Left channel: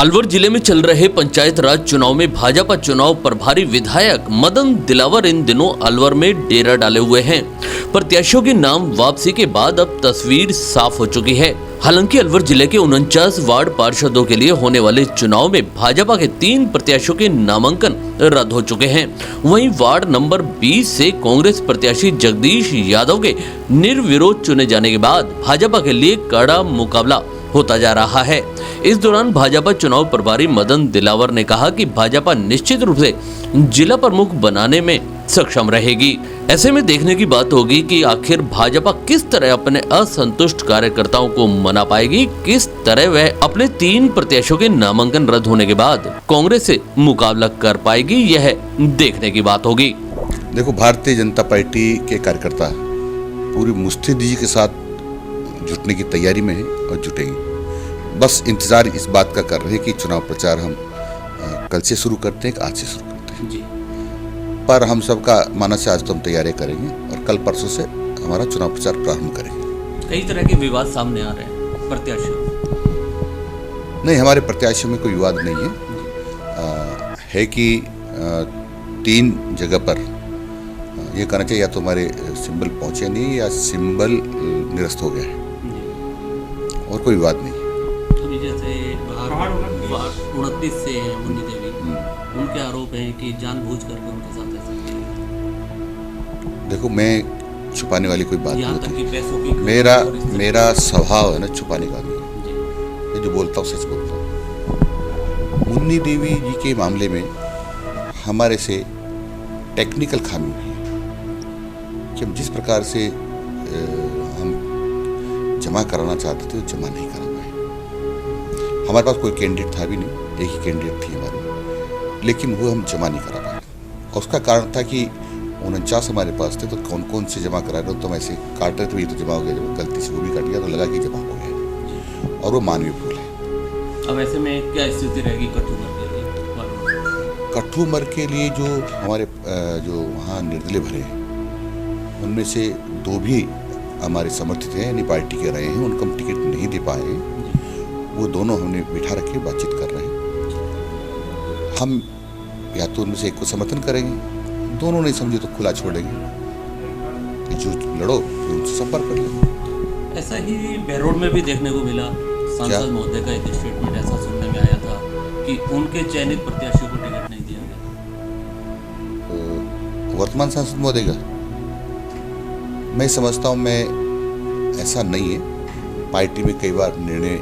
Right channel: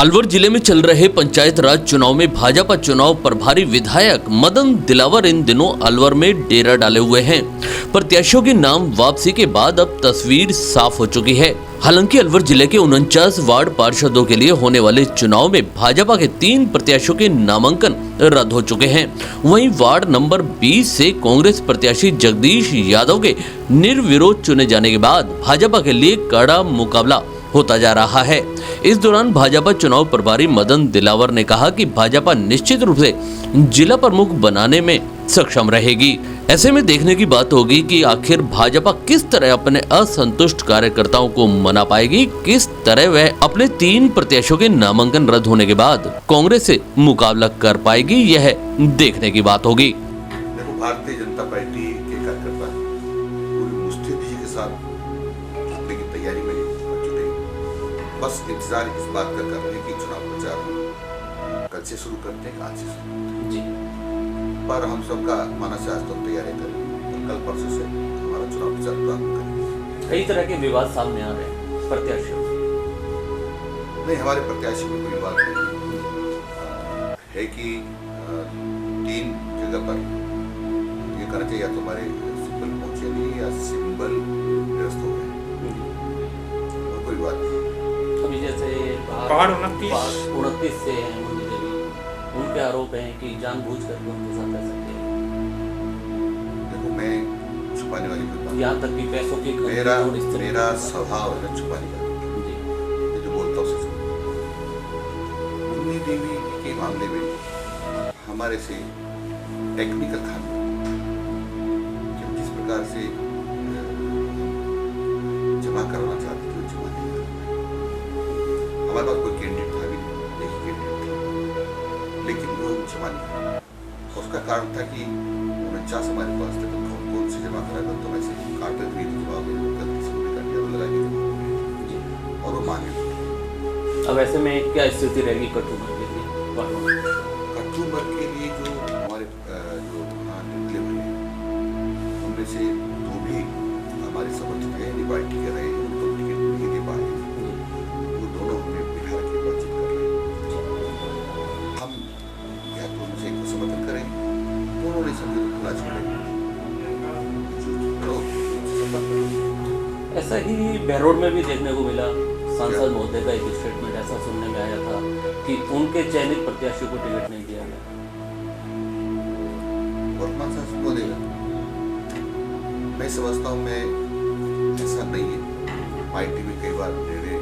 अलवर जिले में चल रहे पंचायत राज चुनाव में भाजपा चुनाव प्रभारी विधायक मदन दिलावर इन दिनों अलवर में डेरा डाले हुए हैं। प्रत्याशियों के नाम वापसी के बाद अब तस्वीर साफ हो चुकी है। हालांकि अलवर जिले के 49 वार्ड पार्षदों के लिए होने वाले चुनाव में भाजपा के 3 प्रत्याशियों के नामांकन रद्द हो चुके हैं। वहीं वार्ड नंबर 20 से कांग्रेस प्रत्याशी जगदीश यादव के निर्विरोध चुने जाने के बाद भाजपा के लिए कड़ा मुकाबला होता जा रहा है। इस दौरान भाजपा चुनाव प्रभारी मदन दिलावर ने कहा कि भाजपा निश्चित रूप से जिला प्रमुख बनाने में सक्षम रहेगी। ऐसे में देखने की बात होगी कि आखिर भाजपा किस तरह अपने असंतुष्ट कार्यकर्ताओं को मना पाएगी, किस तरह वह अपने 3 प्रत्याशियों के नामांकन रद्द होने के बाद कांग्रेस से मुकाबला कर पाएगी, यह देखने की बात होगी। देखो, भारतीय जनता पार्टी के कार्यकर्ता पूरी मुस्तैदी के साथ जुटने की तैयारी में है और जुटेंगे। बस इंतजार इस बात का कर रहे हैं कि चुनाव प्रचार हम कल से शुरू करते हैं, आज से शुरू करते हैं। पर हम सबका मानस है, आज तो हम तैयारी करेंगे और कल परसों से हमारा चुनाव प्रचार प्रारंभ करेंगे। कई तरह के विवाद सामने आ रहे हैं प्रत्याशियों। नहीं, हमारे प्रत्याशियों में कोई विवाद नहीं है कि 3 जगह पर ये कहना चाहिए, या तो हमारे सिंबल पहुंचे नहीं या सिंबल निरस्त हो गया है, और कोई विवाद नहीं। जैसे पहाड़ 29 से उनके आरोप हैं कि जानबूझकर उनके साथ ऐसा किया। देखो, मैं छुपाने वाली कोई बात नहीं। मेरा स्वभाव है ना छुपाने का नहीं, मैं जो बोलता हूँ सच बोलता हूँ। मुन्नी देवी जी के मामले में हमारे से टेक्निकल खामी हुई कि हम जिस प्रकार से हम जमा कराना चाहते थे वो जमा नहीं करा पाए। हमारे पास कोई कैंडिडेट था भी नहीं, एक ही कैंडिडेट थी हमारी, लेकिन वो हम जमा नहीं करा पाए। और उसका कारण था कि 49 हमारे पास थे, तो कौन कौन से जमा करा कर, तो हम ऐसे काट रहे थे, ये तो जमा हो गया, तो गलती से वो भी काट गया, तो लगा कि जमा हो गया, और वो मानवीय भूल है। अब ऐसे में क्या स्थिति रहेगी कठुमर के लिए? जो हमारे जो वहाँ निर्दलीय भरे हैं, उनमें से 2 भी हमारे समर्थित हैं, यानी पार्टी के रहे हैं, उनको हम टिकट नहीं दे पाए हैं। वो दोनों हमने बिठा रखे, बातचीत कर रहे हैं। हम या तो उनमें से एक को समर्थन करेंगे, दोनों नहीं समझे तो खुला छोड़ेंगे, जो लड़ो उनसे संपर्क कर लो। ऐसा ही बहरोड में भी देखने को मिला, सांसद महोदय का एक स्टेटमेंट ऐसा सुनने में आया था कि उनके चयनित प्रत्याशियों को टिकट नहीं दिया गया। तो वर्तमान सांसद महोदय का मैं समझता हूँ, मैं ऐसा नहीं है। पार्टी में कई बार निर्णय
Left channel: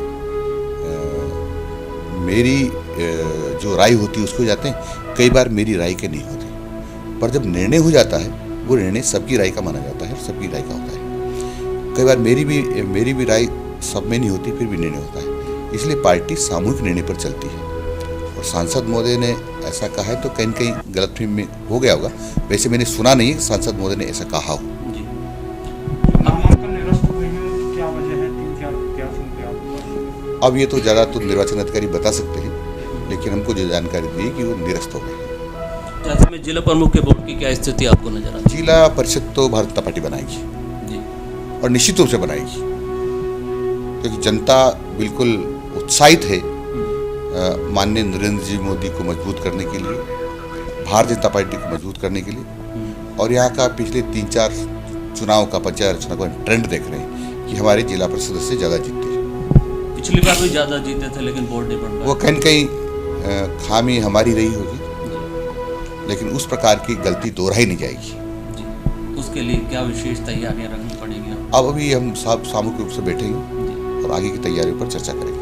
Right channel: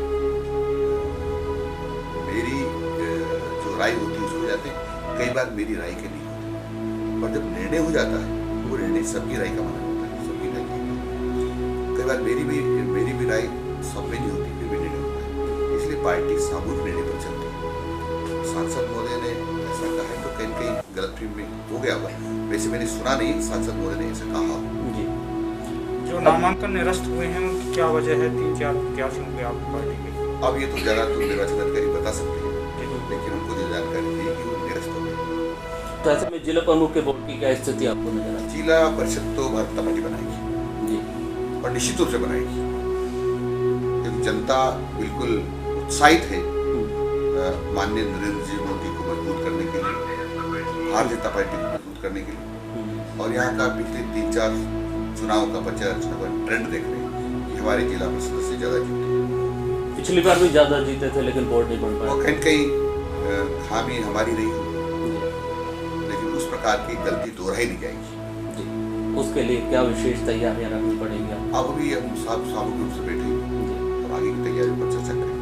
मेरी जो राय होती है उसको जाते हैं, कई बार मेरी राय के नहीं होते। पर जब निर्णय हो जाता है, वो निर्णय सबकी राय का माना जाता है, सबकी राय का होता है। कई बार मेरी भी राय सब में नहीं होती, फिर भी निर्णय होता है। इसलिए पार्टी सामूहिक निर्णय पर चलती है। और सांसद महोदय ने ऐसा कहा है तो कहीं कहीं गलतफहमी में हो गया होगा। वैसे मैंने सुना नहीं है सांसद महोदय ने ऐसा कहा हो। जो नामांकन निरस्त हुए हैं, क्या वजह है? 3-4 प्रत्याशियों के आपको? अब ये तो ज़्यादा तो निर्वाचन अधिकारी बता सकते हैं, लेकिन हमको जो जानकारी दी कि वो निरस्त हो गए। तो ऐसे में जिला प्रमुख के बोर्ड की क्या स्थिति आपको नजर आती है? जिला परिषद तो भारतीय जनता पार्टी बनाएगी और निश्चित रूप से बनाएगी, क्योंकि जनता बिल्कुल उत्साहित है माननीय नरेंद्र जी मोदी को मजबूत करने के लिए, भारतीय जनता पार्टी को मजबूत करने के लिए। और यहाँ का पिछले 3-4 चुनाव का, पंचायत चुनाव का ट्रेंड देख रहे हैं कि हमारे जिला परिषद से ज़्यादा जीतते हैं। पिछली बार भी ज़्यादा जीते थे, लेकिन बोर्ड नहीं। वो कहीं कहीं खामी हमारी रही होगी, लेकिन उस प्रकार की गलती दोहराई नहीं जाएगी। उसके लिए क्या विशेष तैयारियां रखनी पड़ेगी? अब अभी हम सामूहिक रूप से बैठेंगे और आगे की तैयारियों पर चर्चा करेंगे।